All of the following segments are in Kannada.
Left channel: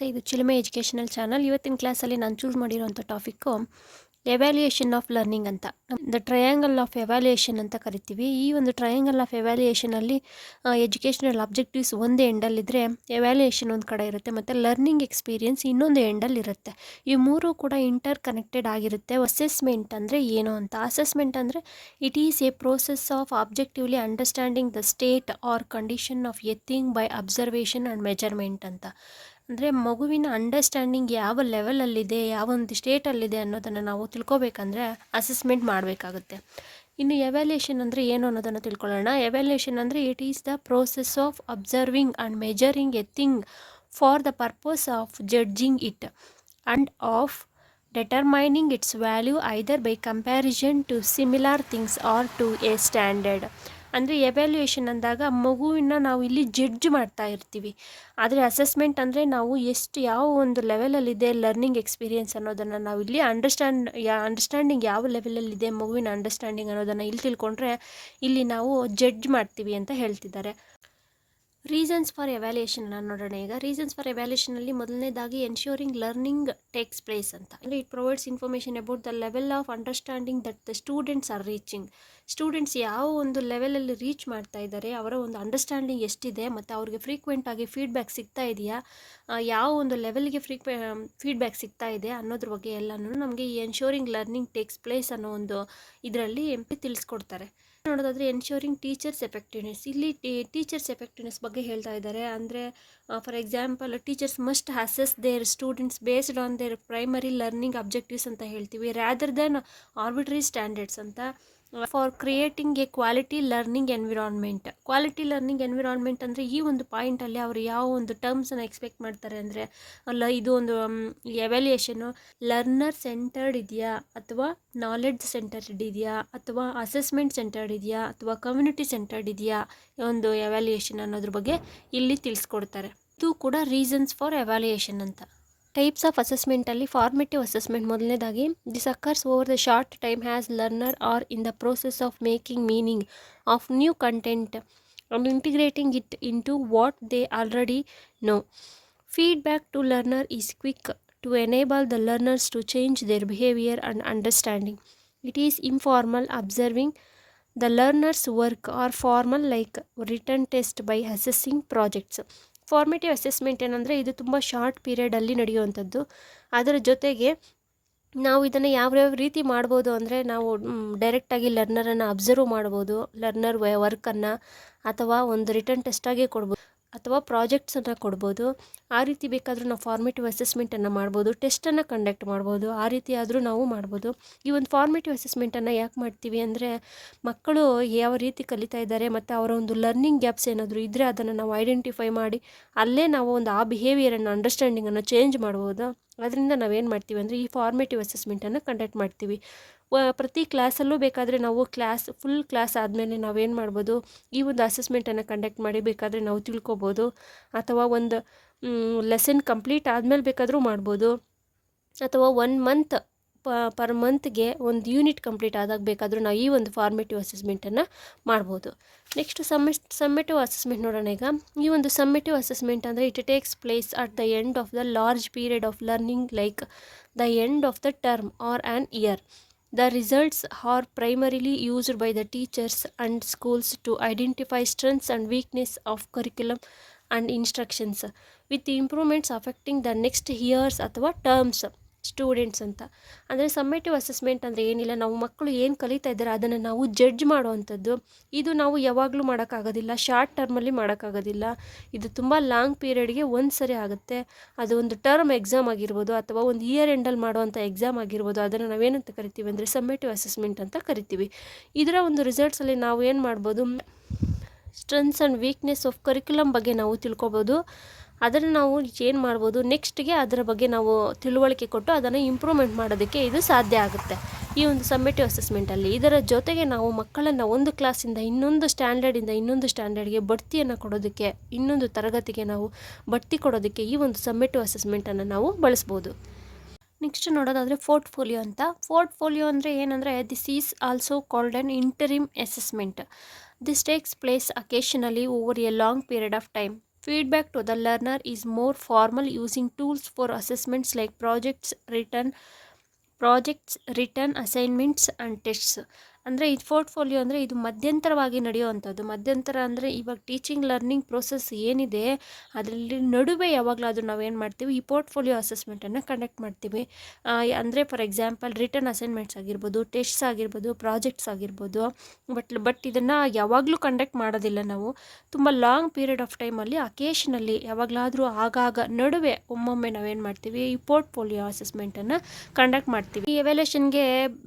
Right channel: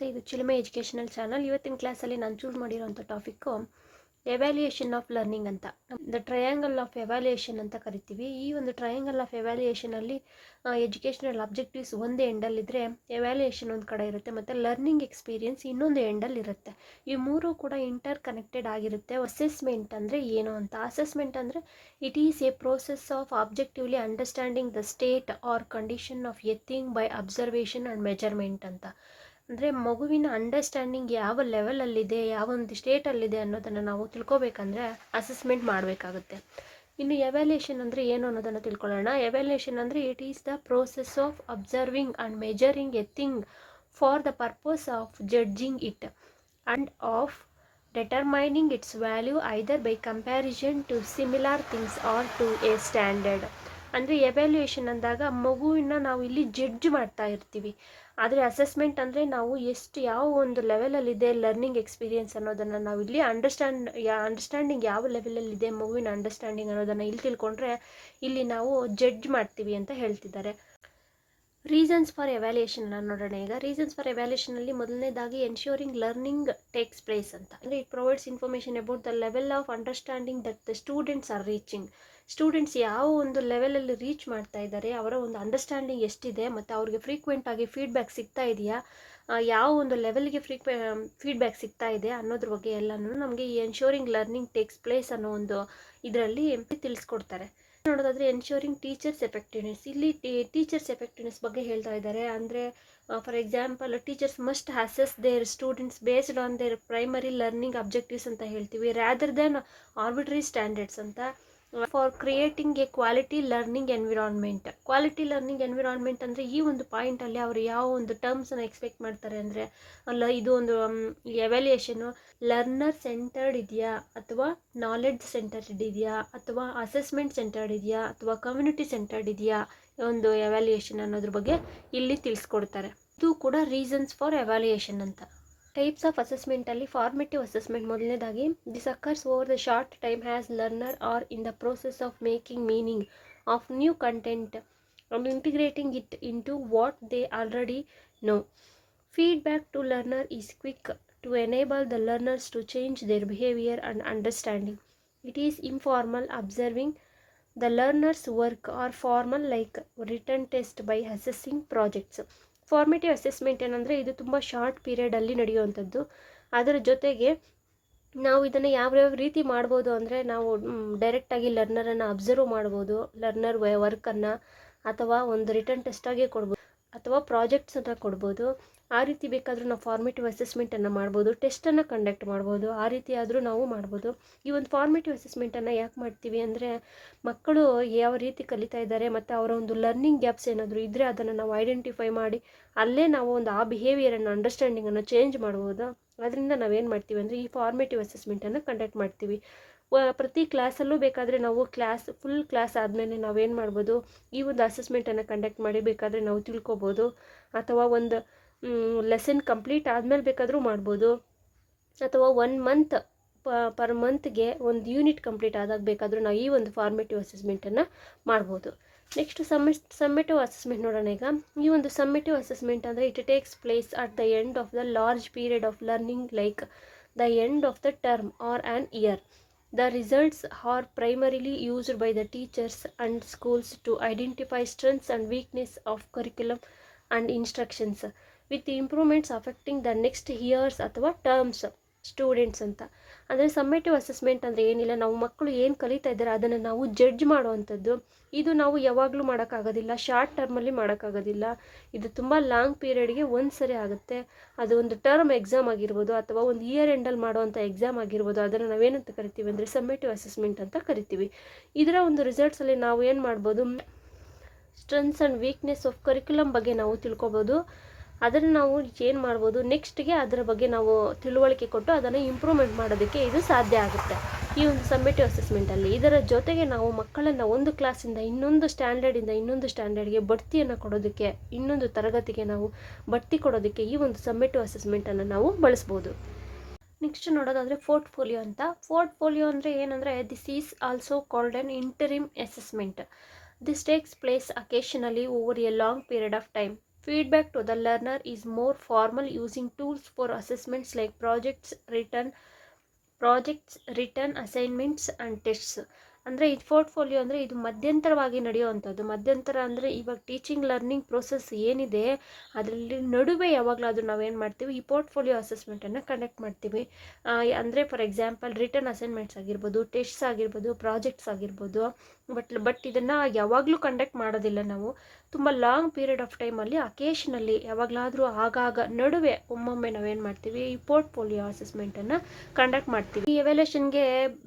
ನಮಸ್ತೆ, ಇದು ಚಿಲುಮೆ ಎಜುಕೇಷನಲ್ ಚಾನಲ್. ಇವತ್ತಿನ ಕ್ಲಾಸಲ್ಲಿ ನಾನು ಚೂಸ್ ಮಾಡಿರೋಂಥ ಟಾಪಿಕ್ಕು ಎವ್ಯಾಲ್ಯೂಯೇಷನ್ ಆಫ್ ಲರ್ನಿಂಗ್ ಅಂತ. ದ ಟ್ರಯಾಂಗಲ್ ಆಫ್ ಎವ್ಯಾಲ್ಯೂಯೇಷನ್ ಅಂತ ಕರಿತೀವಿ. ಈ ಒಂದು ಟ್ರಯಾಂಗಲ್ ಆಫ್ ಎವ್ಯಾಲ್ಯೂಯೇಷನಲ್ಲಿ ಎಜುಕೇಷನಲ್ ಅಬ್ಜೆಕ್ಟಿವ್ಸ್ ಒಂದು ಎಂಡಲ್ಲಿದ್ದರೆ ಎವ್ಯಾಲ್ಯೂಯೇಷನ್ ಒಂದು ಕಡೆ ಇರುತ್ತೆ, ಮತ್ತು ಲರ್ನಿಂಗ್ ಎಕ್ಸ್ಪೀರಿಯನ್ಸ್ ಇನ್ನೊಂದು ಎಂಡಲ್ಲಿರುತ್ತೆ. ಈ ಮೂರು ಕೂಡ ಇಂಟರ್ ಕನೆಕ್ಟೆಡ್ ಆಗಿರುತ್ತೆ. ಅಸೆಸ್ಮೆಂಟ್ ಅಂದರೆ ಏನು ಅಂತ. ಅಸೆಸ್ಮೆಂಟ್ ಅಂದರೆ it is a process of objectively understanding the state or condition of a thing by observation and measurement ಅಂತ. ಅಂದರೆ ಮಗುವಿನ ಅಂಡರ್ಸ್ಟ್ಯಾಂಡಿಂಗ್ ಯಾವ ಲೆವೆಲಲ್ಲಿದೆ, ಯಾವ ಒಂದು ಸ್ಟೇಟಲ್ಲಿದೆ ಅನ್ನೋದನ್ನು ನಾವು ತಿಳ್ಕೊಬೇಕಂದ್ರೆ ಅಸೆಸ್ಮೆಂಟ್ ಮಾಡಬೇಕಾಗುತ್ತೆ. ಇನ್ನು ಎವ್ಯಾಲ್ಯೂಯೇಷನ್ ಅಂದರೆ ಏನು ಅನ್ನೋದನ್ನು ತಿಳ್ಕೊಳ್ಳೋಣ. ಎವ್ಯಾಲ್ಯೂಯೇಷನ್ ಅಂದರೆ it is the process of observing and measuring a thing for the purpose of judging it and of determining its value either by comparison to similar things or to a standard. ಅಂದರೆ ಎವ್ಯಾಲ್ಯೂಯೇಷನ್ ಅಂದಾಗ ಮಗುವಿನ ನಾವು ಇಲ್ಲಿ ಜಡ್ಜ್ ಮಾಡ್ತಾ ಇರ್ತೀವಿ. ಆದರೆ ಅಸೆಸ್ಮೆಂಟ್ ಅಂದರೆ ನಾವು ಯಾವ ಒಂದು ಲೆವೆಲಲ್ಲಿದೆ ಲರ್ನಿಂಗ್ ಎಕ್ಸ್ಪೀರಿಯೆನ್ಸ್ ಅನ್ನೋದನ್ನು ನಾವು ಇಲ್ಲಿ ಅಂಡರ್ಸ್ಟ್ಯಾಂಡಿಂಗ್ ಯಾವ ಲೆವೆಲಲ್ಲಿದೆ ಮಗುವಿನ ಅಂಡರ್ಸ್ಟ್ಯಾಂಡಿಂಗ್ ಅನ್ನೋದನ್ನು ಇಲ್ಲಿ ತಿಳ್ಕೊಂಡ್ರೆ ಇಲ್ಲಿ ನಾವು ಜಡ್ಜ್ ಮಾಡ್ತೀವಿ ಅಂತ ಹೇಳ್ತಿದ್ದಾರೆ. ರೀಸನ್ಸ್ ಫಾರ್ ಎವ್ಯಾಲ್ಯೂಯೇಷನ್ ನೋಡೋಣ. ಈಗ ರೀಸನ್ಸ್ ಫಾರ್ ಎವ್ಯಾಲ್ಯೂಯೇಷನಲ್ಲಿ ಮೊದಲನೇದಾಗಿ ಎನ್ಶ್ಯೂರಿಂಗ್ ಲರ್ನಿಂಗ್ ಟೇಕ್ಸ್ ಪ್ಲೇಸ್ ಅಂತ. ಅಂದರೆ it provides information about the level of understanding that the students are reaching. Students ಯಾವ ಒಂದು ಲೆವೆಲಲ್ಲಿ ರೀಚ್ ಮಾಡ್ತಾ ಇದ್ದಾರೆ, ಅವರ ಒಂದು ಅಂಡರ್ಸ್ಟ್ಯಾಂಡಿಂಗ್ ಎಷ್ಟಿದೆ, ಮತ್ತು ಅವ್ರಿಗೆ ಫ್ರೀಕ್ವೆಂಟಾಗಿ ಫೀಡ್ಬ್ಯಾಕ್ ಸಿಗ್ತಾ ಇದೆಯಾ, ಯಾವ ಒಂದು ಲೆವೆಲ್ಗೆ ಫೀಡ್ಬ್ಯಾಕ್ ಸಿಗ್ತಾ ಇದೆ ಅನ್ನೋದ್ರ ಬಗ್ಗೆ ಎಲ್ಲನೂ ನಮಗೆ ಈ ಎನ್ಶ್ಯೂರಿಂಗ್ ಲರ್ನಿಂಗ್ ಟೇಕ್ಸ್ ಪ್ಲೇಸ್ ಅನ್ನೋ ಒಂದು ಇದರಲ್ಲಿ ತಿಳಿಸ್ಕೊಡ್ತಾರೆ. ನೋಡೋದಾದರೆ ಎನ್ಶ್ಯೂರಿಂಗ್ ಟೀಚರ್ಸ್ ಎಫೆಕ್ಟಿವ್ನೆಸ್. ಇಲ್ಲಿ ಟೀಚರ್ಸ್ ಎಫೆಕ್ಟಿವ್ನೆಸ್ ಬಗ್ಗೆ ಹೇಳ್ತಾ ಇದ್ದಾರೆ. ಅಂದರೆ for example teachers must assess their students based on their primary learning objectives ಅಂತ ಹೇಳ್ತೀವಿ, ರ್ಯಾದರ್ ದೆನ್ ಆರ್ಬಿಟ್ರರಿ ಸ್ಟ್ಯಾಂಡರ್ಡ್ಸ್ ಅಂತ. For creating a quality learning environment. Quality learning environment ಅಂದರೆ ಈ ಒಂದು ಪಾಯಿಂಟಲ್ಲಿ ಅವರು ಯಾವ ಒಂದು ಟರ್ಮ್ಸನ್ನು ಎಕ್ಸ್ಪೆಕ್ಟ್ ಮಾಡ್ತಾರೆ ಅಂದರೆ ಇದು ಒಂದು ಎವ್ಯಾಲ್ಯೂಯೇಷನು ಲರ್ನರ್ ಸೆಂಟರ್ಡ್ ಇದೆಯಾ, ಅಥವಾ ನಾಲೆಡ್ಜ್ ಸೆಂಟರ್ಡ್ ಇದೆಯಾ, ಅಥವಾ ಅಸೆಸ್ಮೆಂಟ್ ಸೆಂಟರ್ಡ್ ಇದೆಯಾ, ಅಥವಾ ಕಮ್ಯುನಿಟಿ ಸೆಂಟರ್ಡ್ ಇದೆಯಾ ಒಂದು ಎವ್ಯಾಲ್ಯೂಯೇಷನ್ ಅನ್ನೋದ್ರ ಬಗ್ಗೆ ಇಲ್ಲಿ ತಿಳಿಸ್ಕೊಡ್ತಾರೆ. ಇದು ಕೂಡ ರೀಸನ್ಸ್ ಫಾರ್ ಎವ್ಯಾಲ್ಯೂಯೇಷನ್ ಅಂತ. ಟೈಪ್ಸ್ ಆಫ್ ಅಸೆಸ್ಮೆಂಟಲ್ಲಿ ಫಾರ್ಮೇಟಿವ್ ಅಸೆಸ್ಮೆಂಟ್ ಮೊದಲನೇದಾಗಿ this occurs over the short time as learner are in the process of making meaning of new content and integrating it into what they already know. Feedback to learner is quick to enable the learners to change their behavior and understanding. It is informal, observing the learner's work, or formal like written test by assessing projects. Formative assessment ಏನಂದರೆ ಇದು ತುಂಬ ಶಾರ್ಟ್ ಪೀರಿಯಡಲ್ಲಿ ನಡೆಯುವಂಥದ್ದು. ಅದರ ಜೊತೆಗೆ ನಾವು ಇದನ್ನು ಯಾವ್ಯಾವ ರೀತಿ ಮಾಡ್ಬೋದು ಅಂದರೆ ನಾವು ಡೈರೆಕ್ಟಾಗಿ ಲರ್ನರನ್ನು ಅಬ್ಸರ್ವ್ ಮಾಡ್ಬೋದು, ಲರ್ನರ್ ವರ್ಕನ್ನು, ಅಥವಾ ಒಂದು ರಿಟರ್ನ್ ಟೆಸ್ಟಾಗಿ ಕೊಡ್ಬೋದು, ಅಥವಾ ಪ್ರಾಜೆಕ್ಟ್ಸನ್ನು ಕೊಡ್ಬೋದು. ಆ ರೀತಿ ಬೇಕಾದರೂ ನಾವು ಫಾರ್ಮೇಟಿವ್ ಅಸೆಸ್ಮೆಂಟನ್ನು ಮಾಡ್ಬೋದು, ಟೆಸ್ಟನ್ನು ಕಂಡಕ್ಟ್ ಮಾಡ್ಬೋದು, ಆ ರೀತಿ ಆದರೂ ನಾವು ಮಾಡ್ಬೋದು. ಈ ಒಂದು ಫಾರ್ಮೇಟಿವ್ ಅಸೆಸ್ಮೆಂಟನ್ನು ಯಾಕೆ ಮಾಡ್ತೀವಿ ಅಂದರೆ ಮಕ್ಕಳು ಯಾವ ರೀತಿ ಕಲಿತಾ ಇದ್ದಾರೆ ಮತ್ತು ಅವರ ಒಂದು ಲರ್ನಿಂಗ್ ಗ್ಯಾಪ್ಸ್ ಏನಾದರೂ ಇದ್ದರೆ ಅದನ್ನು ನಾವು ಐಡೆಂಟಿಫೈ ಮಾಡಿ ಅಲ್ಲೇ ನಾವು ಒಂದು ಆ ಬಿಹೇವಿಯರನ್ನು ಅಂಡರ್ಸ್ಟ್ಯಾಂಡಿಂಗನ್ನು ಚೇಂಜ್ ಮಾಡ್ಬೋದು. ಅದರಿಂದ ನಾವೇನು ಮಾಡ್ತೀವಿ ಅಂದರೆ ಈ ಫಾರ್ಮೇಟಿವ್ ಅಸೆಸ್ಮೆಂಟನ್ನು ಕಂಡಕ್ಟ್ ಮಾಡ್ತೀವಿ. ಪ್ರತಿ ಕ್ಲಾಸಲ್ಲೂ ಬೇಕಾದರೆ ನಾವು ಫುಲ್ ಕ್ಲಾಸ್ ಆದಮೇಲೆ ನಾವೇನು ಮಾಡ್ಬೋದು, ಈ ಒಂದು ಅಸೆಸ್ಮೆಂಟನ್ನು ಕಂಡಕ್ಟ್ ಮಾಡಿ ಬೇಕಾದರೆ ನಾವು ತಿಳ್ಕೊಬೋದು, ಅಥವಾ ಒಂದು ಲೆಸನ್ ಕಂಪ್ಲೀಟ್ ಆದಮೇಲೆ ಬೇಕಾದರೂ ಮಾಡ್ಬೋದು, ಅಥವಾ 1 ಮಂತ್ ಪರ್ ಮಂತ್ಗೆ ಒಂದು ಯೂನಿಟ್ ಕಂಪ್ಲೀಟ್ ಆದಾಗ ಬೇಕಾದರೂ ನಾವು ಈ ಒಂದು ಫಾರ್ಮೇಟಿವ್ ಅಸೆಸ್ಮೆಂಟನ್ನು ಮಾಡ್ಬೋದು. ನೆಕ್ಸ್ಟ್ ಸಮ್ಮೇಟಿವ್ ಅಸೆಸ್ಮೆಂಟ್ ನೋಡೋಣ. ಈಗ ಈ ಒಂದು ಸಮ್ಮೇಟಿವ್ ಅಸೆಸ್ಮೆಂಟ್ ಅಂದರೆ it takes place at the end of the large period of learning like the end of the term or an year. The results are primarily used by the teachers and schools to identify strengths and weaknesses of curriculum and instructions, with improvements affecting the next years ಅಥವಾ ಟರ್ಮ್ಸ್ ಸ್ಟೂಡೆಂಟ್ಸ್ ಅಂತ. ಅಂದರೆ ಸಮ್ಮೇಟಿವ್ ಅಸೆಸ್ಮೆಂಟ್ ಅಂದರೆ ಏನಿಲ್ಲ, ನಾವು ಮಕ್ಕಳು ಏನು ಕಲಿತಾ ಇದ್ದಾರೆ ಅದನ್ನು ನಾವು ಜಡ್ಜ್ ಮಾಡುವಂಥದ್ದು. ಇದು ನಾವು ಯಾವಾಗಲೂ ಮಾಡೋಕ್ಕಾಗೋದಿಲ್ಲ, ಶಾರ್ಟ್ ಟರ್ಮಲ್ಲಿ ಮಾಡೋಕ್ಕಾಗೋದಿಲ್ಲ. ಇದು ತುಂಬ ಲಾಂಗ್ ಪೀರಿಯಡ್ಗೆ ಒಂದು ಸರಿ ಆಗುತ್ತೆ. ಅದು ಒಂದು ಟರ್ಮ್ ಎಕ್ಸಾಮ್ ಆಗಿರ್ಬೋದು, ಅಥವಾ ಒಂದು ಇಯರ್ ಎಂಡಲ್ಲಿ ಮಾಡುವಂಥ ಎಕ್ಸಾಮ್ ಆಗಿರ್ಬೋದು. ಅದನ್ನು ನಾವೇನಂತ ಕರಿತೀವಿ ಅಂದರೆ ಸಮ್ಮೇಟಿವ್ ಅಸೆಸ್ಮೆಂಟ್ ಅಂತ ಕರಿತೀವಿ. ಇದರ ಒಂದು ರಿಸಲ್ಟ್ಸಲ್ಲಿ ನಾವು ಏನು ಮಾಡ್ಬೋದು, strengths and weakness of curriculum ಬಗ್ಗೆ ನಾವು ತಿಳ್ಕೊಬೋದು. ಅದನ್ನು ನಾವು ಏನು ಮಾಡ್ಬೋದು, ನೆಕ್ಸ್ಟ್ಗೆ ಅದರ ಬಗ್ಗೆ ನಾವು ತಿಳುವಳಿಕೆ ಕೊಟ್ಟು ಅದನ್ನು ಇಂಪ್ರೂವ್ಮೆಂಟ್ ಮಾಡೋದಕ್ಕೆ ಇದು ಸಾಧ್ಯ ಆಗುತ್ತೆ ಈ ಒಂದು ಸಮ್ಮೇಟಿವ್ ಅಸೆಸ್ಮೆಂಟಲ್ಲಿ. ಇದರ ಜೊತೆಗೆ ನಾವು ಮಕ್ಕಳನ್ನು ಒಂದು ಕ್ಲಾಸಿಂದ ಇನ್ನೊಂದು ಸ್ಟ್ಯಾಂಡರ್ಡಿಂದ ಇನ್ನೊಂದು ಸ್ಟ್ಯಾಂಡರ್ಡ್ಗೆ ಬಡ್ತಿಯನ್ನು ಕೊಡೋದಕ್ಕೆ, ಇನ್ನೊಂದು ತರಗತಿಗೆ ನಾವು ಬಡ್ತಿ ಕೊಡೋದಕ್ಕೆ ಈ ಒಂದು ಸಮ್ಮೇಟಿವ್ ಅಸೆಸ್ಮೆಂಟನ್ನು ನಾವು ಬಳಸ್ಬೋದು. ನೆಕ್ಸ್ಟ್ ನೋಡೋದಾದರೆ ಪೋರ್ಟ್ಫೋಲಿಯೋ ಅಂತ. ಪೋರ್ಟ್ಫೋಲಿಯೋ ಅಂದರೆ ಏನಂದರೆ this is also called an interim assessment. This takes place occasionally over a long period of time. Feedback to the learner is more formal, using tools for assessments like projects, written assignments and tests. ಅಂದರೆ ಇದು ಪೋರ್ಟ್ಫೋಲಿಯೋ ಅಂದರೆ ಇದು ಮಧ್ಯಂತರವಾಗಿ ನಡೆಯುವಂಥದ್ದು. ಮಧ್ಯಂತರ ಅಂದರೆ ಇವಾಗ ಟೀಚಿಂಗ್ ಲರ್ನಿಂಗ್ ಪ್ರೋಸೆಸ್ ಏನಿದೆ ಅದರಲ್ಲಿ ನಡುವೆ ಯಾವಾಗಲಾದರೂ ನಾವೇನು ಮಾಡ್ತೀವಿ, ಈ ಪೋರ್ಟ್ಫೋಲಿಯೋ ಅಸೆಸ್ಮೆಂಟನ್ನು ಕಂಡಕ್ಟ್ ಮಾಡ್ತೀವಿ. ಅಂದರೆ ಫಾರ್ ಎಕ್ಸಾಂಪಲ್ ರಿಟರ್ನ್ ಅಸೈನ್ಮೆಂಟ್ಸ್ ಆಗಿರ್ಬೋದು, ಟೆಸ್ಟ್ಸ್ ಆಗಿರ್ಬೋದು, ಪ್ರಾಜೆಕ್ಟ್ಸ್ ಆಗಿರ್ಬೋದು. ಬಟ್ ಇದನ್ನು ಯಾವಾಗಲೂ ಕಂಡಕ್ಟ್ ಮಾಡೋದಿಲ್ಲ ನಾವು. ತುಂಬ ಲಾಂಗ್ ಪೀರಿಯಡ್ ಆಫ್ ಟೈಮಲ್ಲಿ ಅಕೇಶನಲ್ಲಿ ಯಾವಾಗಲಾದರೂ ಆಗಾಗ ನಡುವೆ ಒಮ್ಮೊಮ್ಮೆ ನಾವೇನು ಮಾಡ್ತೀವಿ, ಈ ಪೋರ್ಟ್ಫೋಲಿಯೋ ಅಸೆಸ್ಮೆಂಟನ್ನು ಕಂಡಕ್ಟ್ ಮಾಡ್ತೀವಿ. ಈ ಎವ್ಯಾಲ್ಯೂಷನ್ಗೆ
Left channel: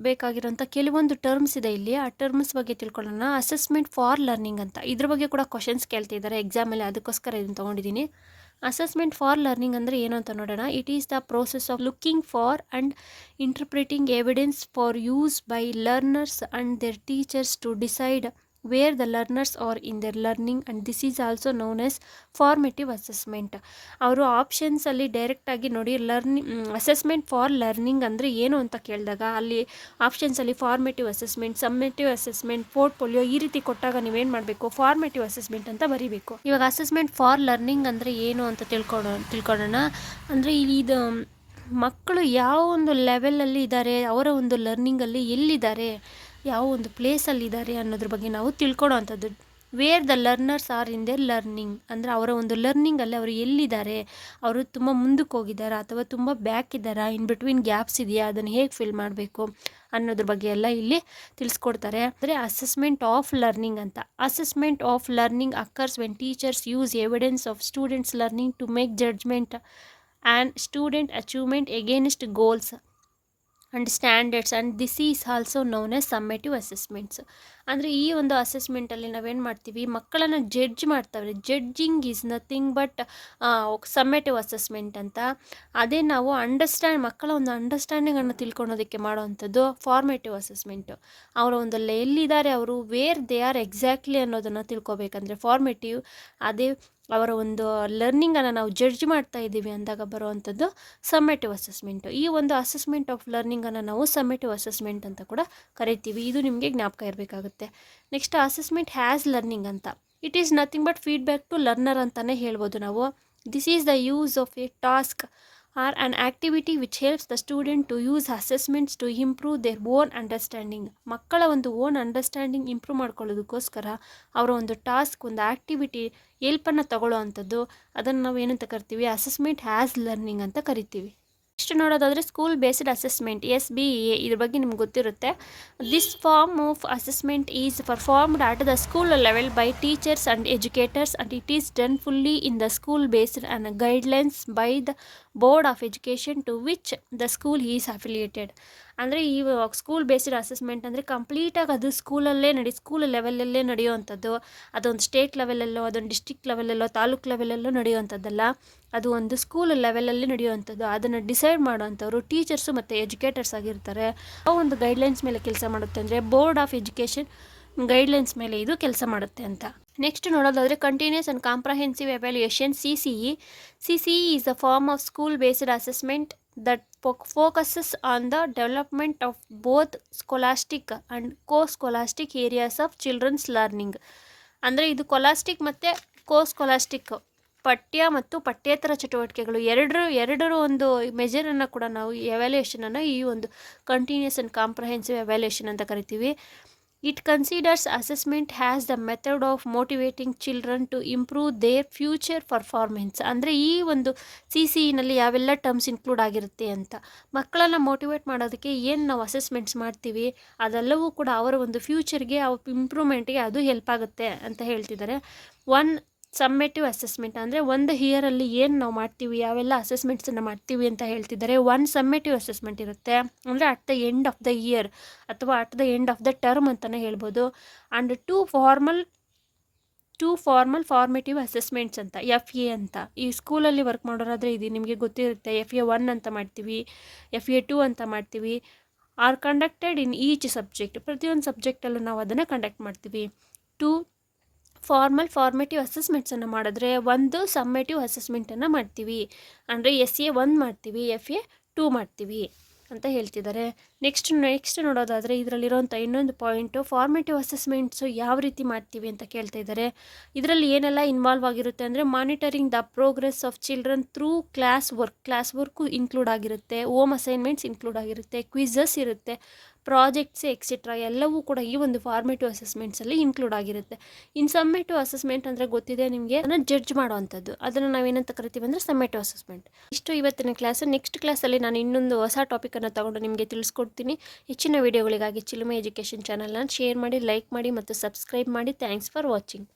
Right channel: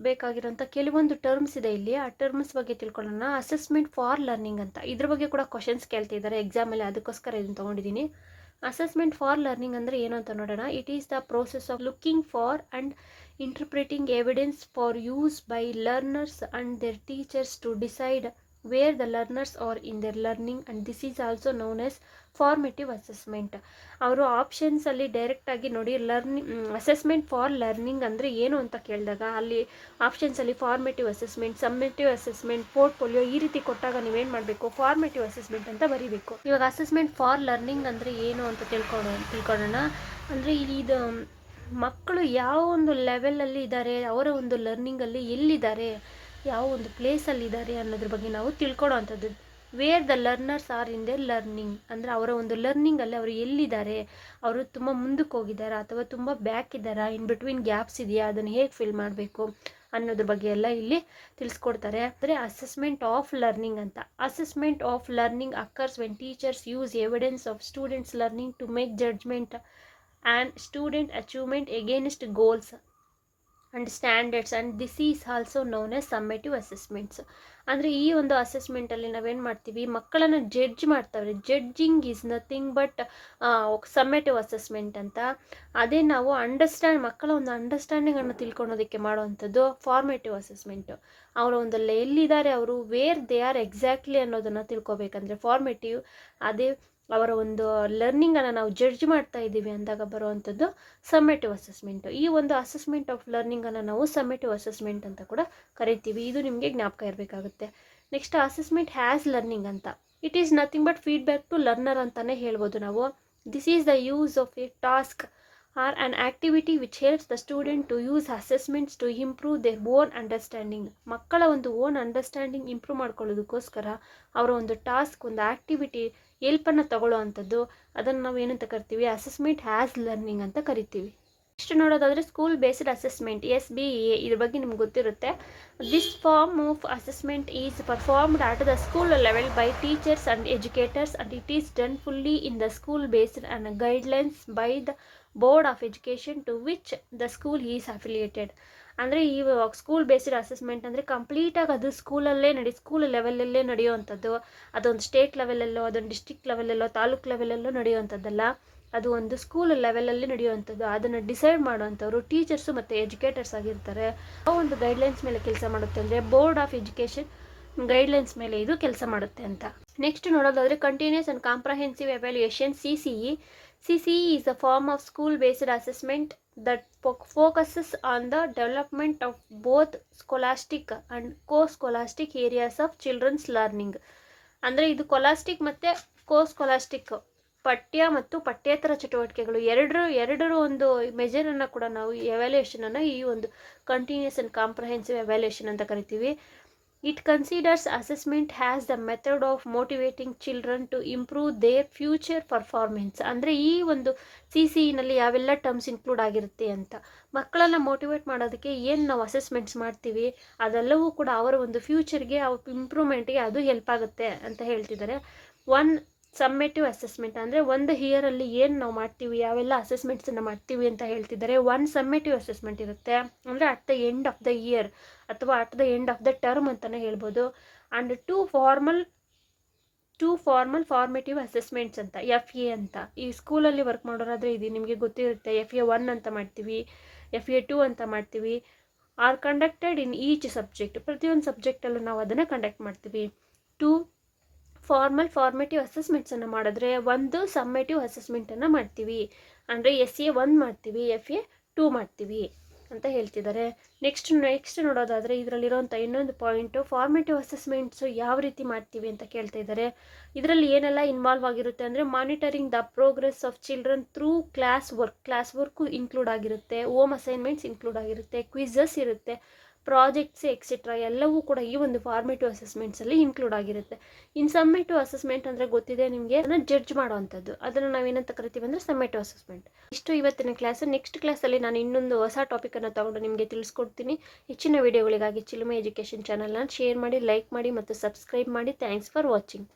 ಬೇಕಾಗಿರೋಂಥ ಕೆಲವೊಂದು ಟರ್ಮ್ಸ್ ಇದೆ ಇಲ್ಲಿ. ಆ ಟರ್ಮ್ಸ್ ಬಗ್ಗೆ ತಿಳ್ಕೊಳ್ಳೋಣ. ಅಸೆಸ್ಮೆಂಟ್ ಫಾರ್ ಲರ್ನಿಂಗ್ ಅಂತ, ಇದ್ರ ಬಗ್ಗೆ ಕೂಡ ಕ್ವಶನ್ಸ್ ಕೇಳ್ತಿದ್ದಾರೆ ಎಕ್ಸಾಮಲ್ಲಿ, ಅದಕ್ಕೋಸ್ಕರ ಇದನ್ನು ತೊಗೊಂಡಿದ್ದೀನಿ. ಅಸೆಸ್ಮೆಂಟ್ ಫಾರ್ ಲರ್ನಿಂಗ್ ಅಂದರೆ ಏನು ಅಂತ ನೋಡೋಣ. It is the process of looking for and interpreting evidence for use by learners and their teachers to decide where the learners are in their learning, and this is also known as formative assessment. ಅವರು ಆಪ್ಷನ್ಸಲ್ಲಿ ಡೈರೆಕ್ಟಾಗಿ ನೋಡಿ ಅಸೆಸ್ಮೆಂಟ್ ಫಾರ್ ಲರ್ನಿಂಗ್ ಅಂದರೆ ಏನು ಅಂತ ಕೇಳಿದಾಗ ಅಲ್ಲಿ ಆಪ್ಷನ್ಸಲ್ಲಿ formative assessment, summative assessment, portfolio ಈ ರೀತಿ ಕೊಟ್ಟಾಗ ನೀವೇನು ಮಾಡಬೇಕು, ಫಾರ್ಮೇಟಿವ್ ಅಸೆಸ್ಮೆಂಟ್ ಅಂತ ಬರೀಬೇಕು. ಇವಾಗ ಅಸೆಸ್ಮೆಂಟ್ ಫಾರ್ ಲರ್ನಿಂಗ್ ಅಂದರೆ ಏನು ಅಂತ ತಿಳ್ಕೊಳ್ಳೋಣ. ಅಂದರೆ ಇದು ಮಕ್ಕಳು ಯಾವ ಒಂದು ಲೆವೆಲಲ್ಲಿ ಇದ್ದಾರೆ, ಅವರ ಒಂದು ಲರ್ನಿಂಗಲ್ಲಿ ಎಲ್ಲಿದ್ದಾರೆ, ಯಾವ ಒಂದು ಪ್ಲೇಸಲ್ಲಿದ್ದಾರೆ ಅನ್ನೋದ್ರ ಬಗ್ಗೆ ನಾವು ತಿಳ್ಕೊಳ್ಳೋ ಅಂಥದ್ದು. Where the learners are in their learning ಅಂದರೆ ಅವರ ಒಂದು ಲರ್ನಿಂಗಲ್ಲಿ ಅವರು ಎಲ್ಲಿದ್ದಾರೆ, ಅವರು ತುಂಬ ಮುಂದಕ್ಕೆ ಹೋಗಿದ್ದಾರಾ ಅಥವಾ ತುಂಬ ಬ್ಯಾಕ್ ಇದ್ದಾರಾ, ಇನ್ ಬಿಟ್ವೀನ್ ಗ್ಯಾಪ್ಸ್ ಇದೆಯಾ, ಅದನ್ನು ಹೇಗೆ ಫಿಲ್ ಮಾಡಬೇಕು ಅನ್ನೋದ್ರ ಬಗ್ಗೆ ಎಲ್ಲ ಇಲ್ಲಿ ತಿಳಿಸ್ಕೊಡ್ತಾರೆ. ಅಂದರೆ ಅಸೆಸ್ಮೆಂಟ್ ಆಫ್ ಲರ್ನಿಂಗ್ ಅಂತ. Assessment of learning occurs when teachers use evidence of students learning to make judgement and student achievement against goals and standards, and this is also known as summative assessments. ಅಂದರೆ ಈ ಒಂದು ಅಸೆಸ್ಮೆಂಟಲ್ಲಿ ನಾವೇನು ಮಾಡ್ತೀವಿ, ಮಕ್ಕಳನ್ನು ಜಡ್ಜ್ ಮಾಡ್ತಾವೆ. Judging is nothing but summative assessment ಅಂತ. ಅದೇ ನಾವು ಮಕ್ಕಳ ಒಂದು ಅಂಡರ್ಸ್ಟ್ಯಾಂಡಿಂಗನ್ನು ತಿಳ್ಕೊಳೋದಕ್ಕೆ ಮಾಡೋವಂಥದ್ದು ಫಾರ್ಮೇಟಿವ್ ಅಸೆಸ್ಮೆಂಟು. ಅವರ ಒಂದು ಎಲ್ಲಿದ್ದಾರೆ ಅವರು, ವೇರ್ ದೇ ಆರ್ ಎಕ್ಸಾಕ್ಟ್ಲಿ ಅನ್ನೋದನ್ನು ತಿಳ್ಕೊಬೇಕಂದ್ರೆ ಫಾರ್ಮೇಟಿವ್. ಅದೇ ಅವರ ಒಂದು ಲರ್ನಿಂಗನ್ನು ನಾವು ಜಡ್ಜ್ ಮಾಡ್ತಾ ಇದ್ದೀವಿ ಅಂದಾಗ ಬರುವಂಥದ್ದು ಸಮ್ಮೇಟಿವ್ ಅಸೆಸ್ಮೆಂಟು. ಈ ಒಂದು ಅಸೆಸ್ಮೆಂಟ್ ಆಫ್ ಲರ್ನಿಂಗನ್ನು ನಾವು ಸಮ್ಮೇಟಿವ್ ಅಸೆಸ್ಮೆಂಟ್ ಅಂತ ಕೂಡ ಕರಿತೀವಿ. ಇದು ನಿಮಗೆ ಜ್ಞಾಪಕ ಇರಬೇಕಾಗುತ್ತೆ. ನೆಕ್ಸ್ಟ್ ಅಸೆಸ್ಮೆಂಟ್ ಹ್ಯಾಸ್ ಲರ್ನಿಂಗ್ ಅಂತ. It is nothing but feedback to learner ಅಂತಲೇ ಹೇಳ್ಬೋದು ನಾವು. This is the use of a task or an activity which helps the student to use assessments to improve their own understanding. ಮಕ್ಕಳ ಒಂದು ಓನ್ ಅಂಡರ್ಸ್ಟ್ಯಾಂಡಿಂಗ್ ಇಂಪ್ರೂವ್ ಮಾಡ್ಕೊಳ್ಳೋದಕ್ಕೋಸ್ಕರ ಅವರ ಒಂದು ಟಾಸ್ಕ್, ಒಂದು ಆ್ಯಕ್ಟಿವಿಟಿ ಹೆಲ್ಪನ್ನು ತಗೊಳ್ಳೋ ಅಂಥದ್ದು, ಅದನ್ನು ನಾವು ಏನಂತ ಕರಿತೀವಿ, ಅಸೆಸ್ಮೆಂಟ್ ಹ್ಯಾಸ್ ಲರ್ನಿಂಗ್ ಅಂತ ಕರಿತೀವಿ. ನೆಕ್ಸ್ಟ್ ನೋಡೋದಾದರೆ ಸ್ಕೂಲ್ ಬೇಸ್ಡ್ ಅಸೆಸ್ಮೆಂಟ್, SBA. ಇದ್ರ ಬಗ್ಗೆ ನಿಮ್ಗೆ ಗೊತ್ತಿರುತ್ತೆ. This form of assessment is performed at the school level by teachers and educators, and it is done fully in the school based and guidelines by the board of education to which the school is affiliated. ಅಂದರೆ ಈ ಸ್ಕೂಲ್ ಬೇಸ್ಡ್ ಅಸೆಸ್ಮೆಂಟ್ ಅಂದರೆ ಕಂಪ್ಲೀಟಾಗಿ ಅದು ಸ್ಕೂಲ್ ಲೆವೆಲಲ್ಲೇ ನಡೆಯುವಂಥದ್ದು. ಅದೊಂದು ಸ್ಟೇಟ್ ಲೆವೆಲಲ್ಲೋ, ಅದೊಂದು ಡಿಸ್ಟ್ರಿಕ್ಟ್ ಲೆವೆಲಲ್ಲೋ, ತಾಲೂಕು ಲೆವೆಲಲ್ಲೋ ನಡೆಯುವಂಥದ್ದಲ್ಲ. ಅದು ಒಂದು ಸ್ಕೂಲ್ ಲೆವೆಲಲ್ಲಿ ನಡೆಯುವಂಥದ್ದು. ಅದನ್ನು ಡಿಸೈಡ್ ಮಾಡುವಂಥವ್ರು ಟೀಚರ್ಸು ಮತ್ತು ಎಜುಕೇಟರ್ಸ್ ಆಗಿರ್ತಾರೆ. ಆ ಒಂದು ಗೈಡ್ಲೈನ್ಸ್ ಮೇಲೆ ಕೆಲಸ ಮಾಡುತ್ತೆ. ಅಂದರೆ ಬೋರ್ಡ್ ಆಫ್ ಎಜುಕೇಷನ್ ಗೈಡ್ಲೈನ್ಸ್ ಮೇಲೆ ಇದು ಕೆಲಸ ಮಾಡುತ್ತೆ ಅಂತ. ನೆಕ್ಸ್ಟ್ ನೋಡೋದಾದರೆ continuous and comprehensive evaluation, CCE. CCE is a form of school based assessment that focuses on the development of both scholastic and scholastic areas of children's learning. ಅಂದರೆ ಇದು ಕೊಲಾಸ್ಟಿಕ್ ಮತ್ತು ಸ್ಕೊಲಾಸ್ಟಿಕ್ ಪಠ್ಯ ಮತ್ತು ಪಠ್ಯೇತರ ಚಟುವಟಿಕೆಗಳು ಎರಡರ ಒಂದು ಮೆಜರನ್ನು ಕೂಡ ನಾವು ಎವ್ಯಾಲ್ಯೂಯೇಷನನ್ನು ಈ ಒಂದು ಕಂಟಿನ್ಯೂಸ್ ಆ್ಯಂಡ್ ಕಾಂಪ್ರಹೆನ್ಸಿವ್ ಎವ್ಯಾಲ್ಯೂಯೇಷನ್ ಅಂತ ಕರಿತೀವಿ. It considers assessment as the method of motivating children to improve their future performance. ಅಂದರೆ ಈ ಒಂದು CCEನಲ್ಲಿ ಯಾವೆಲ್ಲ ಟರ್ಮ್ಸ್ ಇನ್ಕ್ಲೂಡ್ ಆಗಿರುತ್ತೆ ಅಂತ. ಮಕ್ಕಳನ್ನು ಮೋಟಿವೇಟ್ ಮಾಡೋದಕ್ಕೆ ಏನು ನಾವು ಅಸೆಸ್ಮೆಂಟ್ಸ್ ಮಾಡ್ತೀವಿ ಅದೆಲ್ಲವೂ ಕೂಡ ಅವರ ಒಂದು ಫ್ಯೂಚರ್ಗೆ, ಇಂಪ್ರೂವ್ಮೆಂಟ್ಗೆ ಅದು ಹೆಲ್ಪ್ ಆಗುತ್ತೆ ಅಂತ ಹೇಳ್ತಿದ್ದಾರೆ. ಸಮ್ಮೇಟಿವ್ ಅಸೆಸ್ಮೆಂಟ್ ಅಂದರೆ ಒಂದು ಇಯರಲ್ಲಿ ಏನು ನಾವು ಮಾಡ್ತೀವಿ, ಯಾವೆಲ್ಲ ಅಸೆಸ್ಮೆಂಟ್ಸನ್ನು ಮಾಡ್ತೀವಿ ಅಂತ ಹೇಳ್ತಿದ್ದಾರೆ. ಸಮ್ಮೇಟಿವ್ ಅಸೆಸ್ಮೆಂಟ್ ಇರುತ್ತೆ, ಅಂದರೆ at the end of the year ಅಥವಾ at the end of the term ಅಂತಲೇ ಹೇಳ್ಬೋದು. And two formal formative assessments ಅಂತ, FA ಅಂತ. ಈ ಸ್ಕೂಲಲ್ಲಿ ವರ್ಕ್ ಮಾಡೋರಾದರೆ ಇದು ನಿಮಗೆ ಗೊತ್ತಿರುತ್ತೆ. FA 1 ಅಂತ ಮಾಡ್ತೀವಿ, FA 2 ಅಂತ ಮಾಡ್ತೀವಿ. R conducted in each subject. ಪ್ರತಿಯೊಂದು ಸಬ್ಜೆಕ್ಟಲ್ಲೂ ನಾವು ಅದನ್ನು ಕಂಡಕ್ಟ್ ಮಾಡ್ತೀವಿ. ಫಾರ್ಮೇಟಿವ್ ಅಸೆಸ್ಮೆಂಟ್ಸನ್ನು ಮಾಡಿದ್ರೆ ಒಂದು ಸಮ್ಮೇಟಿವ್ ಅಸೆಸ್ಮೆಂಟನ್ನು ಮಾಡ್ತೀವಿ. ಅಂದರೆ SA 1 ಮಾಡ್ತೀವಿ, FA 2 ಮಾಡ್ತೀವಿ ಅಂತ ಹೇಳ್ತಿದ್ದಾರೆ. ನೆಕ್ಸ್ಟ್ ನೋಡೋದಾದರೆ ಇದರಲ್ಲಿರೋಂಥ ಇನ್ನೊಂದು ಪಾಯಿಂಟು ಫಾರ್ಮೇಟಿವ್ ಅಸೆಸ್ಮೆಂಟ್ಸು ಯಾವ ರೀತಿ ಮಾಡ್ತೀವಿ ಅಂತ ಕೇಳ್ತಾ ಇದ್ದಾರೆ. ಇದರಲ್ಲಿ ಏನೆಲ್ಲ ಇನ್ವಾಲ್ವ್ ಆಗಿರುತ್ತೆ ಅಂದರೆ monitoring the progress of children through class work include ಆಗಿರುತ್ತೆ, ಹೋಮ್ ಅಸೈನ್ಮೆಂಟ್ಸ್ ಇನ್ಕ್ಲೂಡ್ ಆಗಿರುತ್ತೆ, ಕ್ವಿಝಸ್ ಇರುತ್ತೆ, ಪ್ರಾಜೆಕ್ಟ್ಸ್ ಎಕ್ಸೆಟ್ರಾ ಎಲ್ಲವೂ ಕೂಡ ಈ ಒಂದು ಫಾರ್ಮೇಟಿವ್ ಅಸೆಸ್ಮೆಂಟ್ಸಲ್ಲಿ ಇನ್ಕ್ಲೂಡ್ ಆಗಿರುತ್ತೆ. ಇನ್ನು ಸಮ್ಮೇಟಿವ್ ಅಸೆಸ್ಮೆಂಟ್ ಅಂದರೆ ಗೊತ್ತಿದೆ ನಿಮಗೆ, ಅದನ್ನು ಜಡ್ಜ್ ಮಾಡೋವಂಥದ್ದು, ಅದನ್ನು ನಾವೇನಂತ ಕರಿತೀವಿ ಅಂದರೆ ಸಮ್ಮೇಟಿವ್ ಅಸೆಸ್ಮೆಂಟ್. ಇಷ್ಟು ಇವತ್ತಿನ ಕ್ಲಾಸು. ನೆಕ್ಸ್ಟ್ ಕ್ಲಾಸಲ್ಲಿ ನಾನು ಇನ್ನೊಂದು ಹೊಸ ಟಾಪಿಕನ್ನು ತಗೊಂಡು ನಿಮಗೆ ತಿಳಿಸ್ಕೊಡ್ತೀನಿ. ಹೆಚ್ಚಿನ ವಿಡಿಯೋಗಳಿಗಾಗಿ ಚಿಲುಮೆ ಎಜುಕೇಷನ್ ಚಾನಲ್ನ ಶೇರ್ ಮಾಡಿ, ಲೈಕ್ ಮಾಡಿ ಮತ್ತು ಸಬ್ಸ್ಕ್ರೈಬ್ ಮಾಡಿ. Thanks for watching.